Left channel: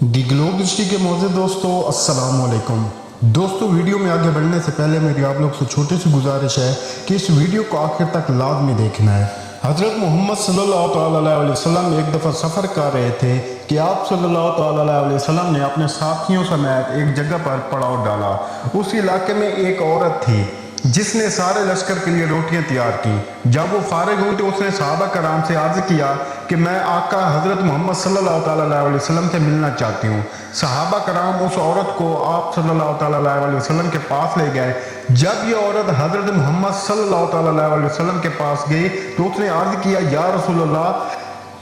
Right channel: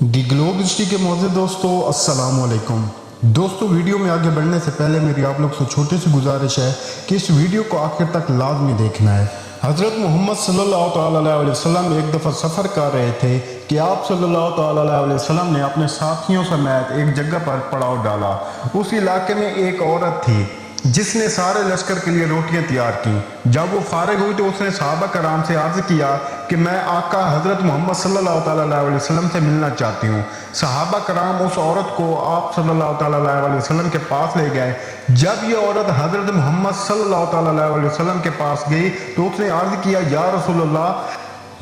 The globe history के मौजूद दोस्तों अस्सलाम वालेकुम। दोस्तों वीडियो में आगे बढ़ने से पहले मेरी आप लोग से छोटी सी गुजारिश है कि इस वीडियो को आखिर तक लाजमी देखना है। हज़रत मोहम्मद सल्लल्लाहु अलैहि वसल्लम एक दफ़ा सफ़र कर रहे थे कि आप सल्लल्लाहु अलैहि वसल्लम ने अपने साथियों समेत एक जगह पर पड़ाव डाला। उस इलाके में एक औरत थी जिसने सारे लश्कर के लिए रोटियां तैयार की। जब वो फारिग हुई तो उसने सहाबा कराम से अर्ज किया कि मैं आका हजरत मोहम्मद सल्लल्लाहु अलैहि वसल्लम से मिलना चाहती हूँ। सहाबा कराम उस औरत को आप सल्लल्लाहु अलैहि वसल्लम के पास ले गए। जब ये औरत हजरत मोहम्मद सल्लल्लाहु अलैहि वसल्लम के पास गई तो उसने अर्ज किया, या रसूलल्लाह,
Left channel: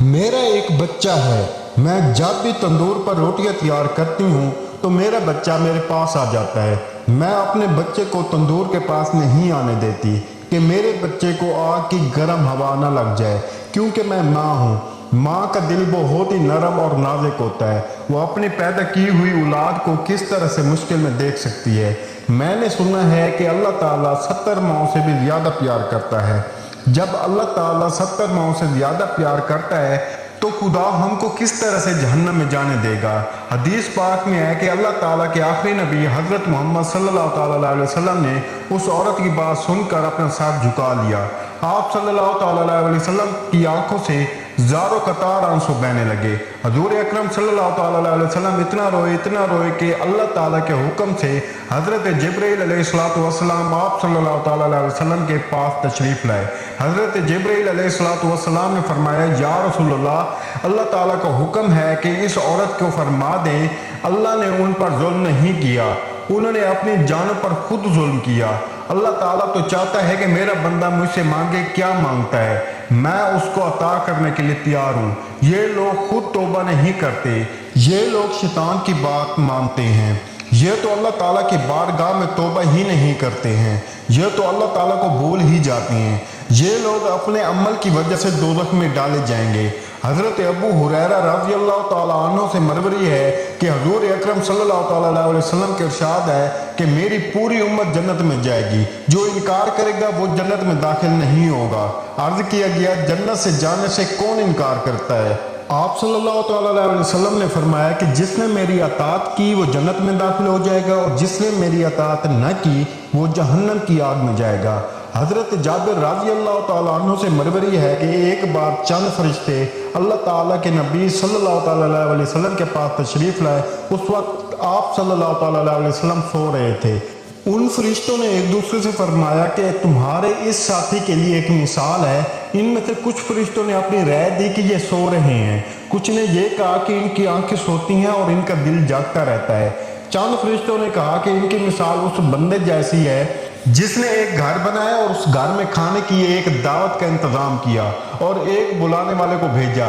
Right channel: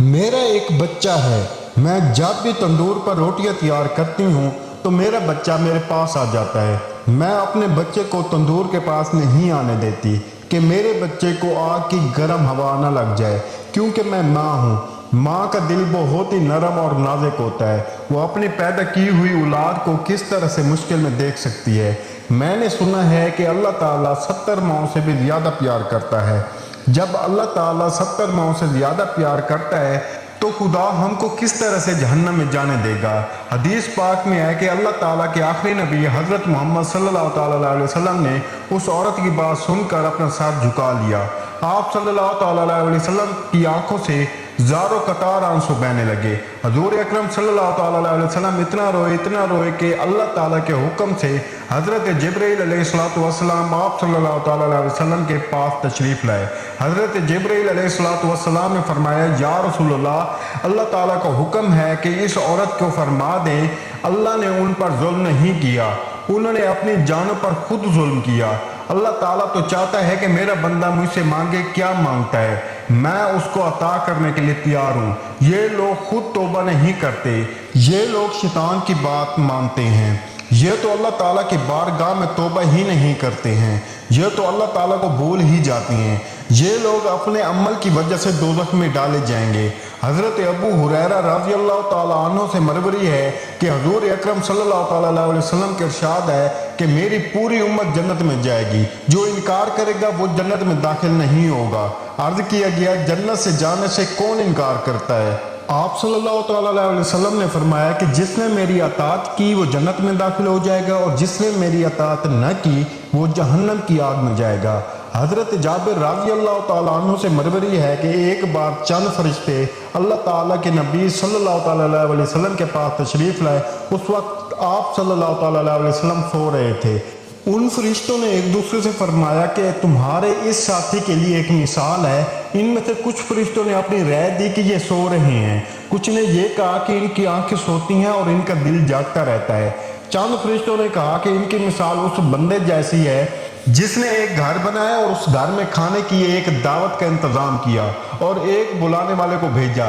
मेरा एक बच्चा है, मैं जब भी तंदूर पर रोटियां तैयार करती हूँ तो मेरा बच्चा मेरे पास आ जाता है। मैं अपने बच्चे को तंदूर के पास नहीं आने देती कि मेरे बच्चे को आग की गर्म हवा न लग जाए, क्योंकि मैं माँ हूँ। माँ का दिल बहुत ही नरम और नाजुक होता है। वो अपनी पैदा की हुई औलाद को किस तरह से मुश्किल में देख सकती है। मैंने सुना है कि अल्लाह ताला 70 माओं से भी ज्यादा प्यार करता है। जब अल्लाह ताला 70 माओं से ज्यादा प्यार करता है तो खुदा हमको किस तरह से जहन्नम में जाने देगा। हदीस पाक में है कि अल्लाह ताला के आखिरी नबी हजरत मोहम्मद सल्लल्लाहु अलैहि वसल्लम ने उस औरत की बात सुनकर अपना सर झुका लिया। आप सल्लल्लाहु अलैहि वसल्लम की आंखों से ज़ारो कतार आंसू बहने लगे। हजूर अकरम सल्लल्लाहु अलैहि वसल्लम इतना रोए कि अल्लाह ताला के हुक्म से हजरत जिब्रील अलैहिस्सलाम आप सल्लल्लाहु अलैहि वसल्लम के पास तशरीफ लाए। हजरत जिब्रील अलैहिस्सलाम ने फरमाया, या रसूलल्लाह, अल्लाह ताला का हुक्म है कि इस औरत को फरमा दे अल्लाह ने उन पर जुल्म नहीं किया, उन्होंने अपनी जान पर खुद जुल्म किया। अल्लाह ताला तो चाहता है कि मेरा बंदा मुझसे मांगे क्या मांगता है, मैं उसको अता करने के लिए तैयार हूँ। ये लोग खुद तौबा नहीं करते, ये लोग शैतान की बात मानते हैं। ये तो अल्लाह ताला की बारगाह में तौबा ही नहीं करते हैं, ये तो अल्लाह ताला को भूल ही जाते हैं। ये लोग अपने अमल की वजह से दोज़ख में डाले जाएंगे। हजरत अबू हुरैरा रज़ी अल्लाह ताला अन्हु से मरवी है कि हजूर अकरम सल्लल्लाहु अलैहि वसल्लम के इरशाद है कि मेरी पूरी उम्मत जन्नत में जाएगी, जो इनकार करेगा वो जन्नत में दाखिल नहीं होगा। अर्ज किया गया, जन्नत से जाने से कौन इनकार करता है? आप सल्लल्लाहु अलैहि वसल्लम ने फरमाया कि जिसने मेरी अतात की वो जन्नत में दाखिल हो जाएगा और जिसने मेरी अतात न की वो जहन्नम की आग में जाएगा। हजरत जाबिर रज़ी अल्लाह ताला अन्हु से मरवी है कि एक बार चंद फरिश्ते अल्लाह ताला के नबी सल्लल्लाहु अलैहि वसल्लम के पास तशरीफ लाए। उस वक्त आप सल्लल्लाहु अलैहि वसल्लम सो रहे थे। उन फरिश्तों ने एक दूसरे से फरमाया कि तुम्हारे इस साथी के लिए एक मिसाल है। इनमें से कुछ फरिश्तों ने अपनी राय दी कि ये सो रहे हैं, कुछ ने ये कहा कि इनकी आंखें सोती हैं और इनका दिल जागता रहता है। चंद फरिश्तों ने कहा कि इनकी मिसाल उस बंदे जैसी है जिसने एक घर बनाया और उस घर में खाने की एक दावत का इंतजाम किया और एक बुलाने वाले को भेजा।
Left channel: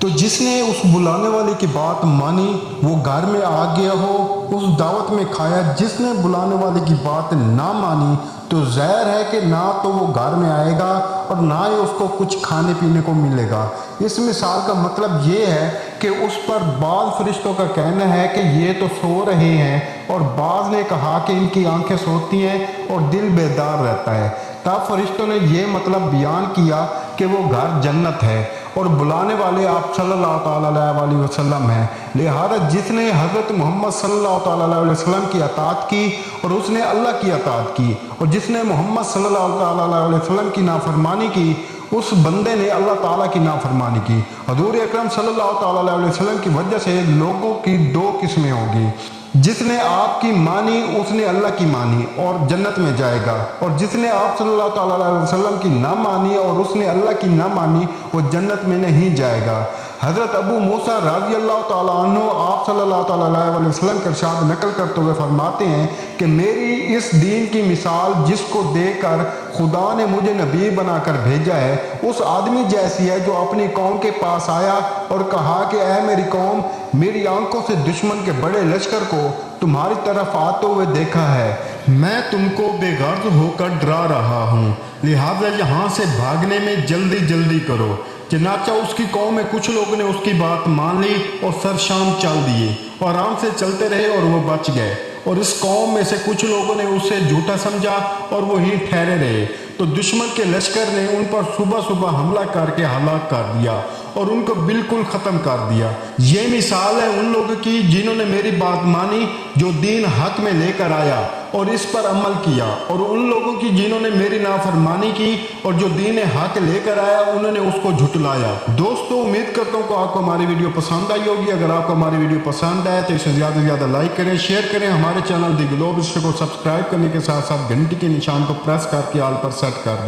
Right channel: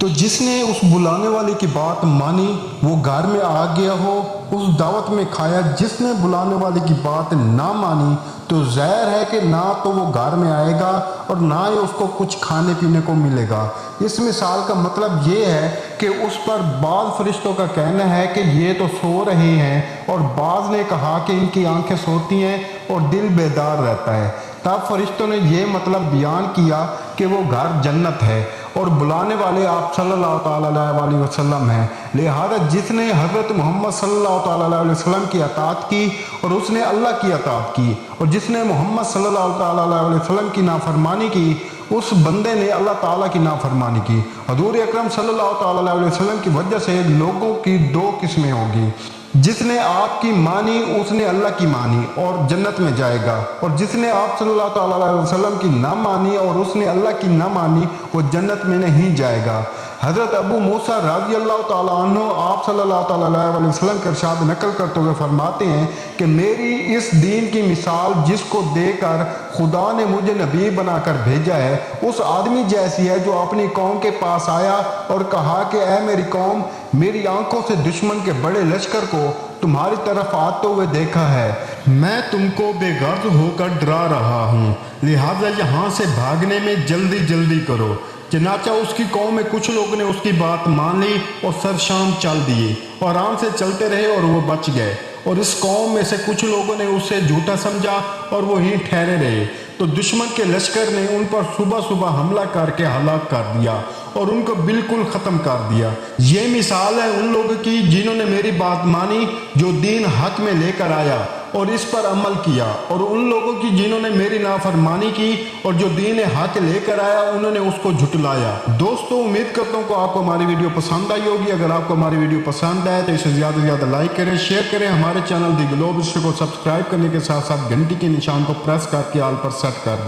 तो जिसने उस बुलाने वाले की बात मानी वो घर में आ गया हो, उस दावत में खाया। जिसने बुलाने वाले की बात ना मानी तो ज़ाहिर है कि ना तो वो घर में आएगा और ना ही उसको कुछ खाने पीने को मिलेगा। इस मिसाल का मतलब ये है कि उस पर बाज़ फरिश्तों का कहना है कि ये तो सो रहे हैं और बाज़ ने कहा कि इनकी आंखें सोती हैं और दिल बेदार रहता है। तब फरिश्तों ने ये मतलब बयान किया कि वो घर जन्नत है और बुलाने वाले आप सल्लल्लाहु अलैहि वसल्लम हैं। लिहाजा जिसने हज़रत मोहम्मद सल्लल्लाहु अलैहि वसल्लम की अतात की और उसने अल्लाह की अतात की और जिसने मोहम्मद सल्लल्लाहु अलैहि वसल्लम की नाफरमानी की उस बंदे ने अल्लाह ताला की नाफरमानी की। हजूर अकरम सल्लल्लाहु अलैहि वसल्लम की वजह से लोगों की दो किस्में होंगी। जिसने आपकी मानी उसने अल्लाह की मानी और जन्नत में जाएगा, और जिसने आप सल्लल्लाहु अलैहि वसल्लम की ना मानी और उसने अल्लाह की ना मानी वो जन्नत में नहीं जाएगा। हजरत अबू मूसा रज़ी अल्लाह ताला अन्हु आप सल्लल्लाहु अलैहि वसल्लम के इरशाद नकल करते हुए फरमाते हैं कि मेरी इस दीन की मिसाल जिसको देकर खुदा ने मुझे नबी बनाकर भेजा है उस आदमी जैसी है जो अपनी कौम के पास आया और कहा कि ऐ मेरी कौम, मेरी आंखों से दुश्मन के बड़े लश्कर को तुम्हारी तरफ आते हुए देखा है। मैं तुमको बेगर्ज होकर डरा रहा हूँ, लिहाजा यहाँ से भागने में जल्दी जल्दी करो। चनाचा उसकी कौम में कुछ लोगों ने उसकी बात मान ली और सरशाम चल दिए और आराम से चलते रहे और वो बच गए। और इस कौम में से कुछ लोगों ने उसे झूठा समझा और वो ही ठहरे रहे। तो दुश्मन के लश्कर ने उन पर सुबह सुबह हमला करके हलाक कर दिया और उनको बिल्कुल खत्म कर दिया। ये मिसाल है उन लोगों की जिन्होंने मेरी बात मानी, जो दीन हक में लेकर आया और इस पर अमल किया, और उन लोगों की जिन्होंने मेरी नाफरमानी की और जो दीन हक लेकर आया उन्होंने उसको झुटलाया। दोस्तों उम्मीद करता हूँ कि आपको हमारी वीडियो पसंद आई होगी। अगर आपको हमारी वीडियो पसंद आए तो इसे ज़्यादा से ज़्यादा लाइक करें, शेयर करें। हमारे चैनल दी ग्लोब को सब्सक्राइब करने के साथ साथ घंटी के निशान को प्रेस करके ऑल पर सेट कर दें।